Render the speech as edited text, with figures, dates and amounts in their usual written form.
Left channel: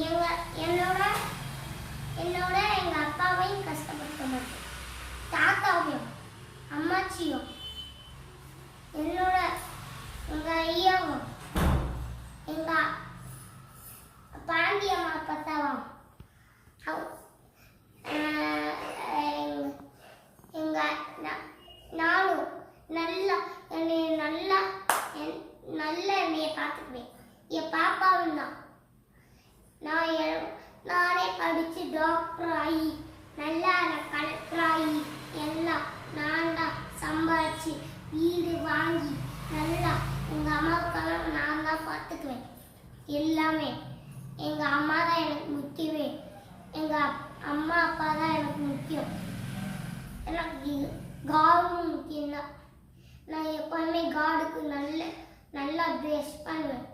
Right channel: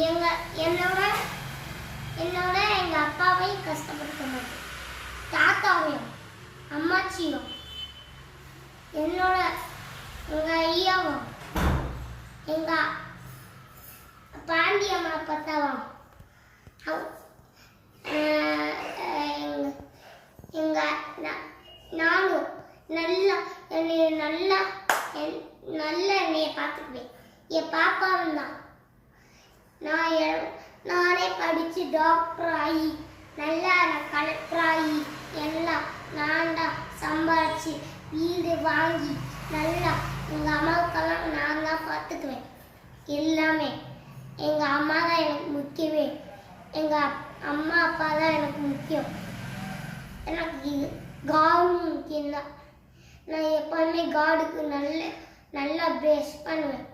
எங்க என்னோட என்னோட எங்கள் அப்பாவையும் கஷ்டப்படுத்த மாட்டேன், தாத்தாவையும் அம்மாச்சியும் என்னோட எங்கள் ஐயாவும் எங்கள் பாண்டியம்மா பத்தாவும் நானும் நல்லா என்னைய நல்லா என்னைய பார்த்துக்குவேன். என் பாப்பாவும் தான் நானே படித்து டாக்டர் ஆகி நல்லா கலெக்டர் ஆகி எல்லாம் நான் தான் சம்பாதிச்சு வீடு வாங்கி நல்லா எங்கள் அம்மாவுக்கெல்லாம் நான் தான் பார்த்துக்குவேன். எல்லாமே எங்கள் அம்மா தான் எனக்கு முக்கியமே. எங்கள் அம்மா அப்பா தான் எனக்கு முக்கியம். எனக்கு காடும் முக்கியம் தான். நான் எப்போதுமே காடுக்கு நல்லா ப்ரெஷ் பண்ணுவேன்.